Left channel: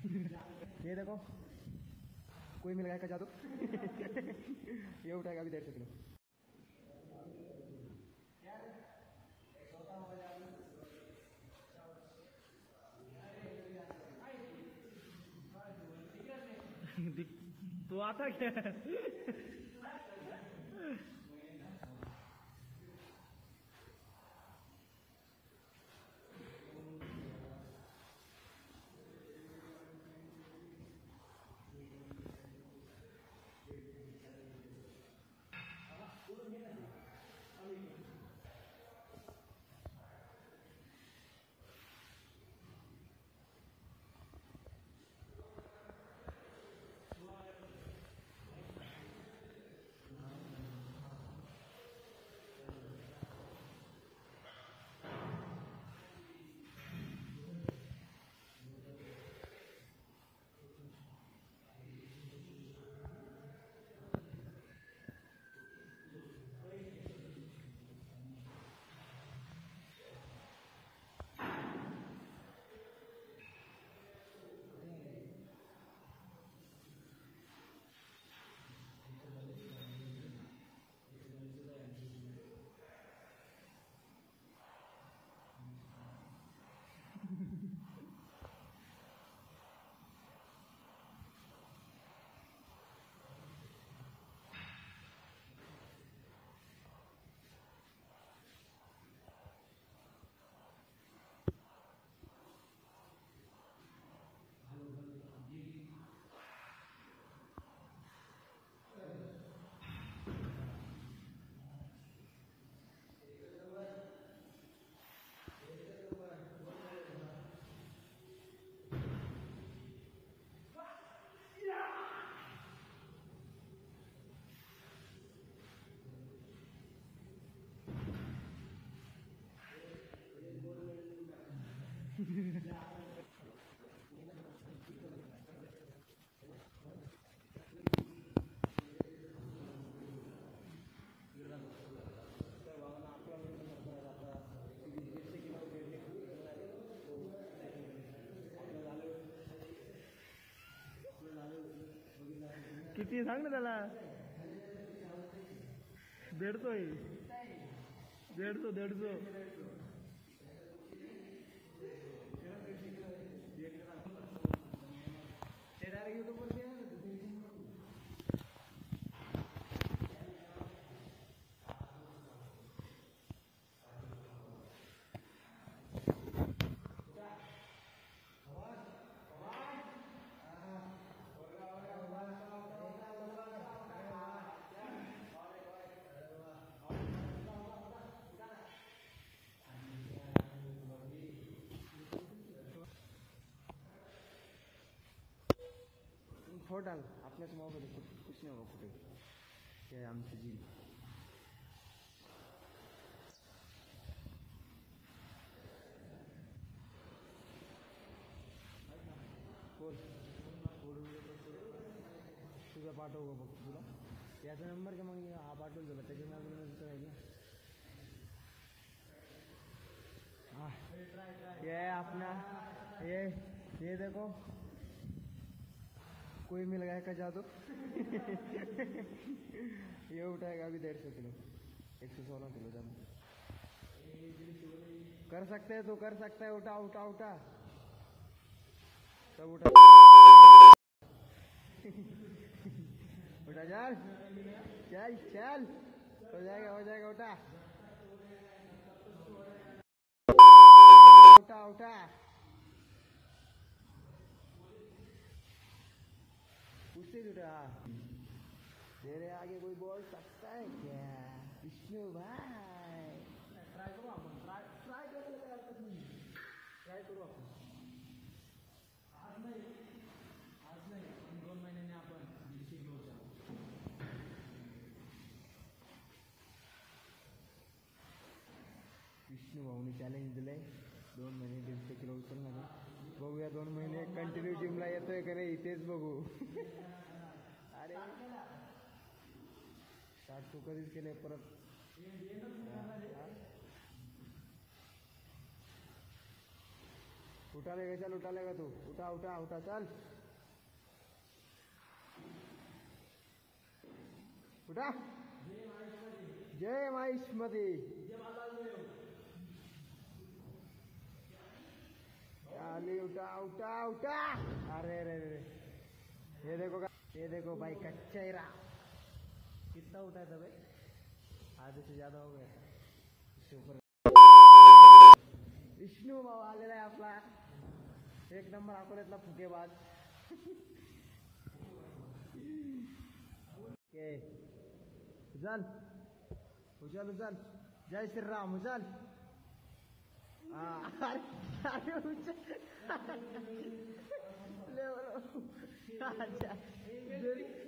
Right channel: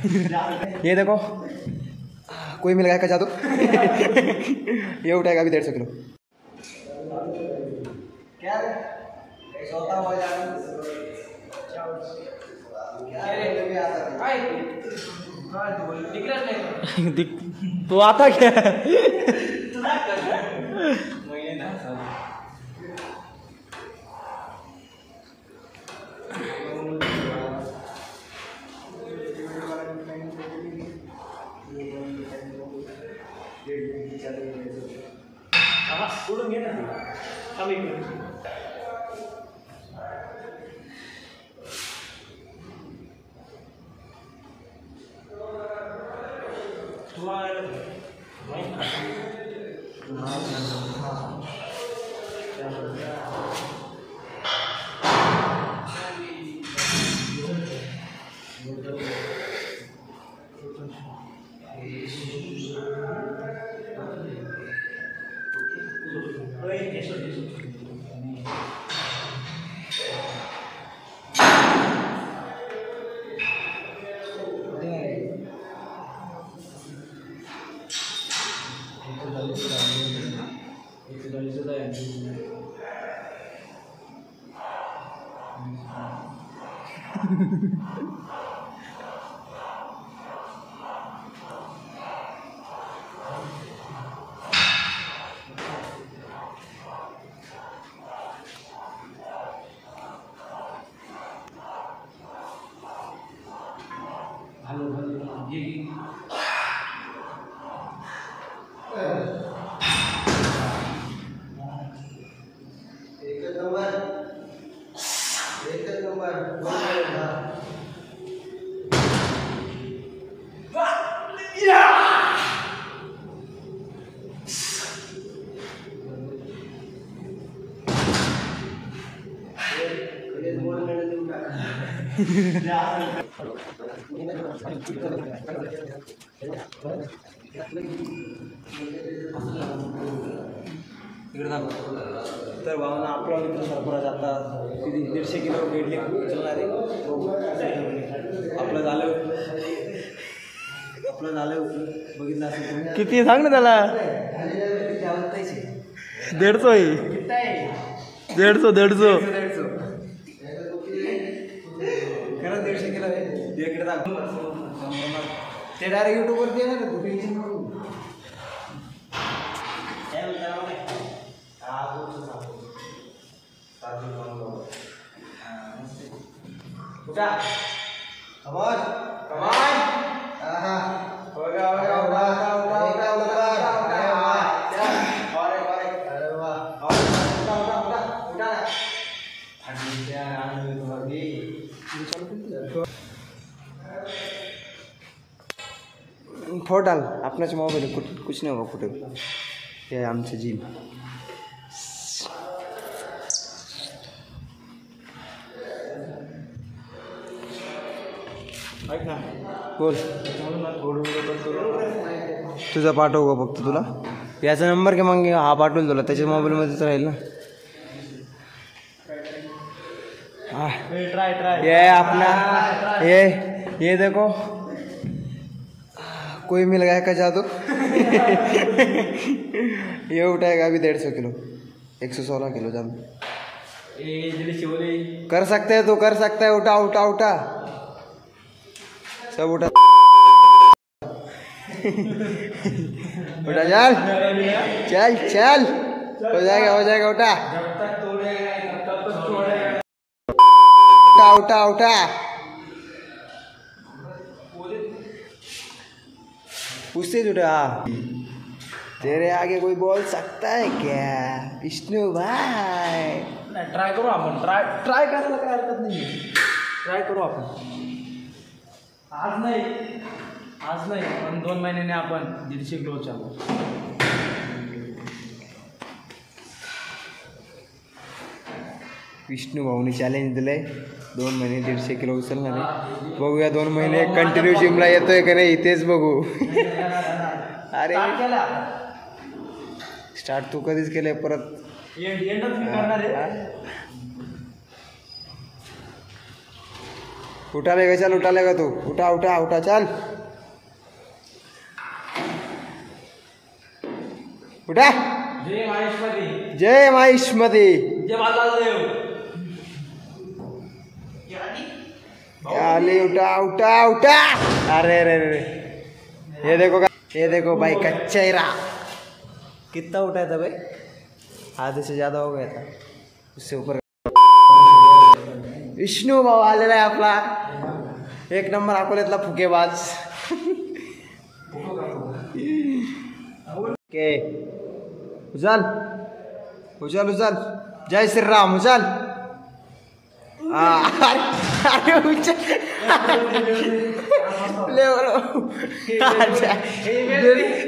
ये देखो कोई मिल गया का जादू। ये उठाएगा अभी 150 किलो। क्या सोता हो तो आता क्या तर भावना आपला मित्र सरफराज आता किती 150 किलो वेट उचलणार आहे. आपलं झालं बघितलं असेल किती सांग ना त्याला. 150 खरंच 150 किलो आहे. इकडे ते डायरेक्ट यूट्यूबवरती येणार आहे. टेन्शन नको. फोड़ डाल अपना मोबाइल कुछ नहीं होगा. कुछ ये आमचं जिम बोल. तुझा पाठवू का फक्त तुला. याचा नंबर घे मग हा पाठवून तुला. त्याच्या मोबाईलमध्येच राहील ना. ये अपना ये देखो कोई मिल गया का जादू. ये उठाएगा अभी 150 किलो. 116 किलो जान कर सकते है. तो कर सकता है. उठा उठा उठा सब उठा. उठा चल चल हो जाएगा उठा उठा उठा. उससे जुड़ा. तेरे आगे कोई बोल सकता है क्या विष्णु भाई. ट्राय करू आपण. ट्राय करायला काय हरकत नाही. ट्राय करू आपण. आज नाही पण 2 महिन्याने आपण 150 किलो चालू. विष्णू भाऊनी चॅलेंज दिलंय. 2 महिने 150 किलो उचलणार आहे. बघूया 2 महिने कंटिन्यू जिमला येतोय का नाही तेच बघू. अरे स्टार्ट तू कधीच केलंय परत. उठा लेगा चल, उठा लेगा तू, उठा उठा उठा चल, उठा। जय माहेश्वरी, जय माहिष्मती, जय बालादेव। अरे उठा उठा उठा। अरे अरे अरे, ये देखो भाई का चेहरा कितना उठाया था भाई, आधे से ज्यादा हो गया था, उससे ऊपर। विष्णू भाऊ आलेला आहे आपला, एक नंबर अकोल्यातला फुकेबाज। ओके उचल उचल उचल, जय श्रीराम उचल। अरे उचल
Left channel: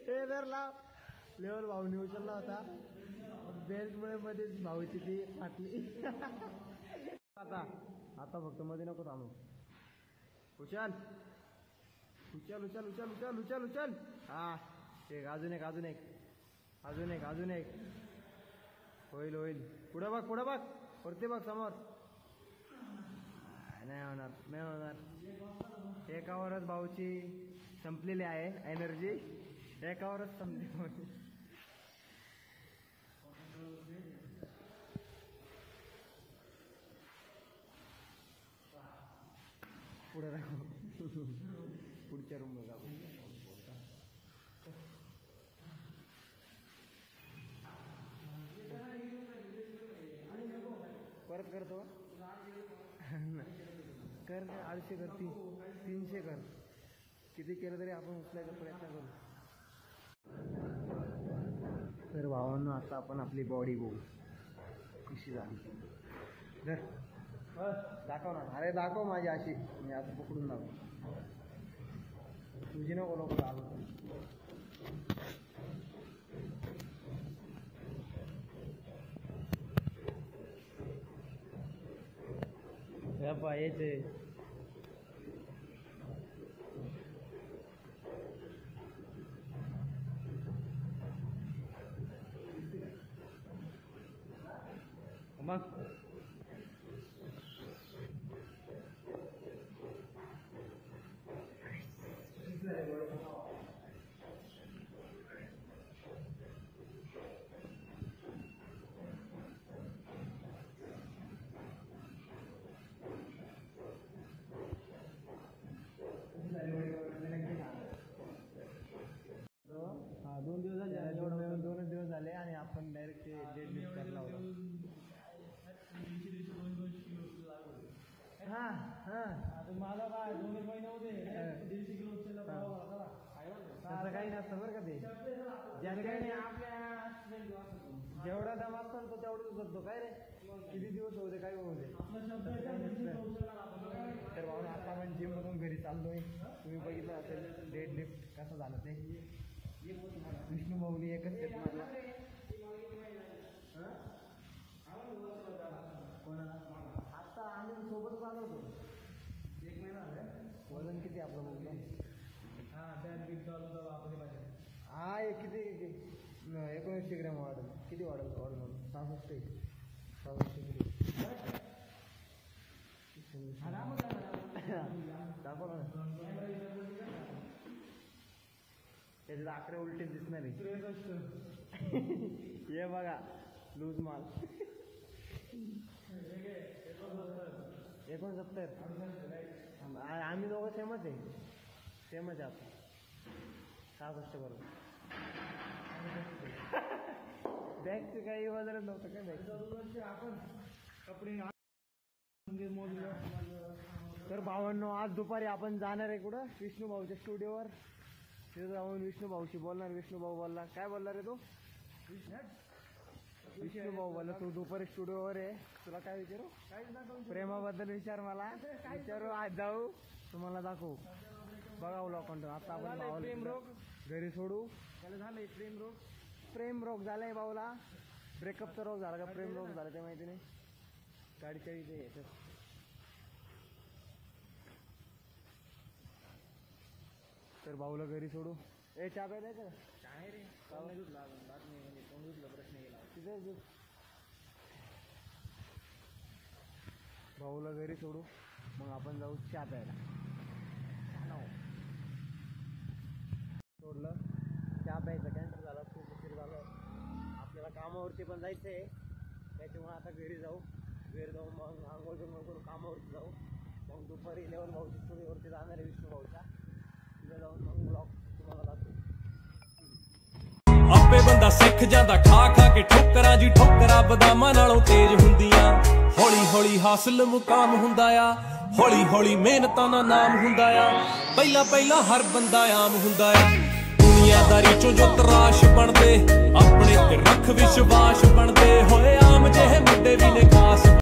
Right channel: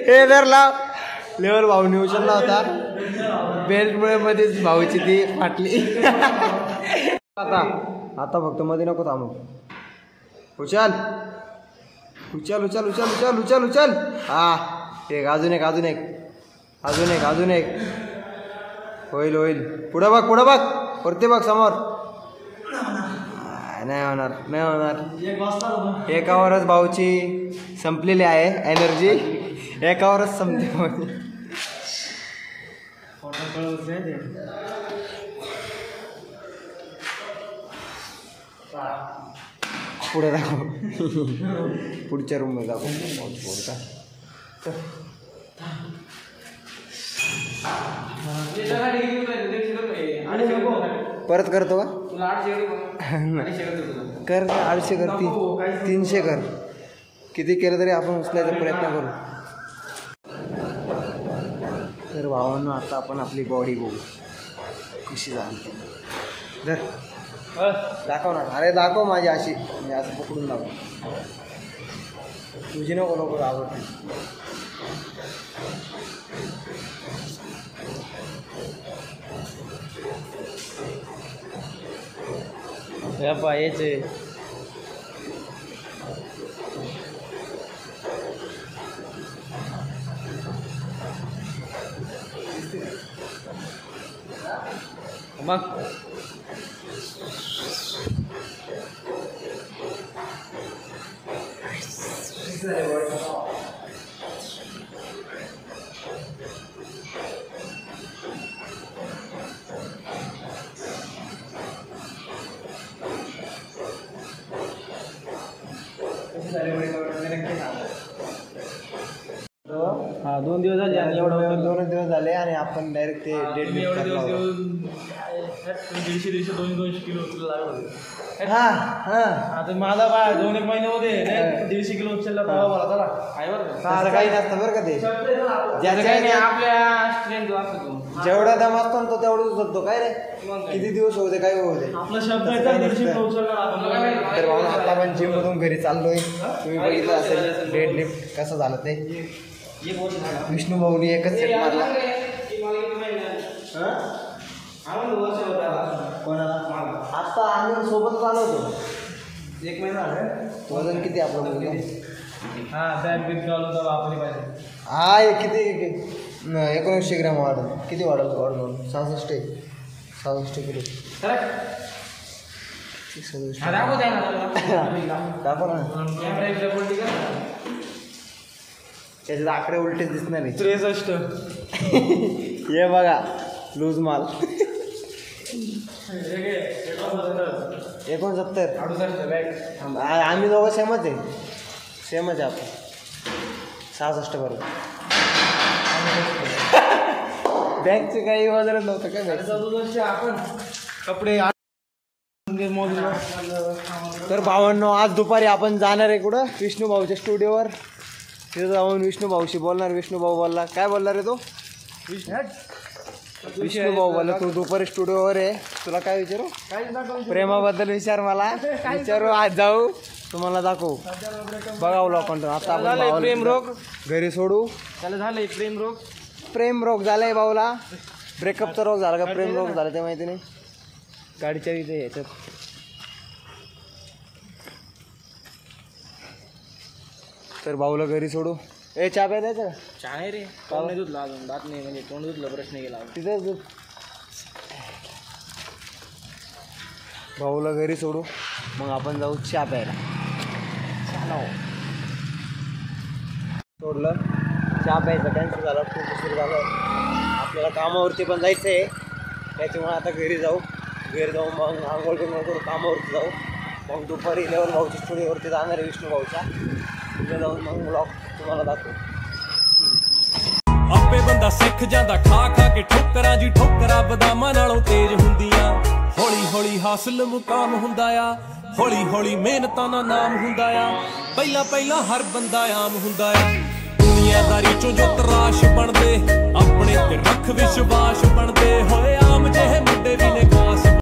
लेवल लाव, लेवल भाऊने उचलला होता, बेल्टमुळे मध्येच भाऊची ती फाटली। आता फक्त मध्ये नको थांबू, उचल उचल उचल उचल उचल उचल उचल। हा एक, अजून एक अजून एक अजून एक अजून एक, होईल होईल। पुढं बघ वरती बघ समोर, नाही होणार नाही होणार। एकावरच भाऊची संपलेली आहे एनर्जी, एकावरच संपते। पुढे दाखव, पुढच्या रूम मध्ये दाखव। परत करतो का? कर 800 कर, 300 कर, किती केलं तरी आपण उचलायचा प्रयत्न करू। तर भावांनो आता आपण आपली बॉडी बघू कशी झाली, दाखव ना। अरे दाखव माझी अशी, म्हणजे असं पकडून दाखव, तुझी नको नको आवड। याचे मग हा 2 दिवस झाले आणि एवढं 2 दिवस झाले आणि आपण डायरेक्ट ते डेट एवढे दिवस 150-200 किलो लागलं। हा हा आता माझा बाय 2-1 महिने होते 150 किलो उचलला तेव्हा मला चला आहे बरं का, असं काही नसतं बरं का ते, ज्याचं काही नाही आपल्या स्ट्रेंथ असतो, जेवढा दम असतो ना तो तेवढंच उचलतो। काय रे किती दिवस होते काय होते आपला शब्द आहे 150 किलो उचलणार आपण। तर भाऊ आता आपण जिम मधून घरी चाललोय, तुम्ही बघितलं असेल डेड लिफ्ट कसं झालं ते। विष्णू भाऊनी एकच सेट मारला। कोणाला? आता आम्ही सोबत चालवतो, 1 महिना झाला। वजन किती आपलं मुलगा? हा बॅग बिग चालवतो आपली पाहिजे। हा हे किती 1900 ग्रॅम वाढल, किती वाढल? 66 किलो। दाखव ना, त्याच्यात आकडे उलटे दिसणार नाही। 63 हे बघा लूज माल 69 आम्ही दोघं सेमच आहे आपण 66 बरोबर। बॅगचे काही वजनच नव्हतं काय, आपण कपडे। तर भावांनो आज दुपारी आपण जाणार आहे कुठं? विष्णू भाऊच्या स्टुडिओवर, तिथं जाऊन विष्णू भाऊशी बोलणार। विष्णू भाऊ बोलला, काय बोलणार आहे तो? विष्णू भाऊ बोलला तू दुपारी स्टुडिओवर आहे, तुला काय विचारू? प्रेमाबद्दल विचार, मला विचारू, आज जाऊ तुम्हाला दाखवू, बघावं लोकांना। आता आपण प्रेम रोग घरी सोडू, त्याला झालंय प्रेम रोग झालाय भाऊला। ब्रेकअपचा रोग झाला का प्रेम रोग झाला ते माहिती नाही, गाडीच्या इथे याच्यात। तर भाऊला घरी सोडू। ए चहा प्या द्यायचं का? चहा नाही रे, तोंड नाही धुतलं अजून, दात नाही, म्हणजे तोंड धुतलं प्रश्न गेला तिथेच भाऊला घरी सोडू, मग आपण जाऊ चहा प्यायला. सोडलं, चहा प्यायचं कॅन्सल झालं, खूप उशीर झालं. आपल्याला कामावरती पण जायचं आहे, त्याच्यामुळे आता घरी जाऊ मग आंघोळ करू, कामावरती जाऊ. मग दुपारी लेवल भाऊच्या स्टुडिओवरती जाणार आहे, विष्णू भाऊच्या. तिथे जाऊन मग ब्लॉग तुम्हाला दाखवू. ਆਪੇ ਬੰਦਾ ਸਿੱਖ ਜਾਂਦਾ ਖਾ ਖਾ ਕੇ ਠੋਕਰਾਂ ਜੀ ਠੋਕਰਾਂ ਬਦਾਮਾਂ ਨਾਲੋਂ ਤੇਜ਼ ਹੁੰਦੀਆਂ ਹੌਲੀ ਹੌਲੀ ਹਾਸਲ ਮੁਕਾਮ ਹੁੰਦਾ ਆ ਹੌਲੀ ਹੌਲੀ ਮਿਹਨਤਾਂ ਦਾ ਨਾਮ ਹੁੰਦਾ ਆ ਪਹਿਲਾਂ ਪਹਿਲਾਂ ਹਰ ਬੰਦਾ ਆਮ ਹੁੰਦਾ ਆ ਦੁਨੀਆਦਾਰੀ ਚੋਂ ਜੋ ਤਰਾਸ਼ ਬਣਦੇ ਆਪਣੇ ਤੇ ਰੱਖ ਵਿਸ਼ਵਾਸ ਬਣਦੇ ਹੋਏ ਆਮ ਜਿਹੇ ਮੁੰਡੇ ਵੀ ਨੇ ਖਾਸ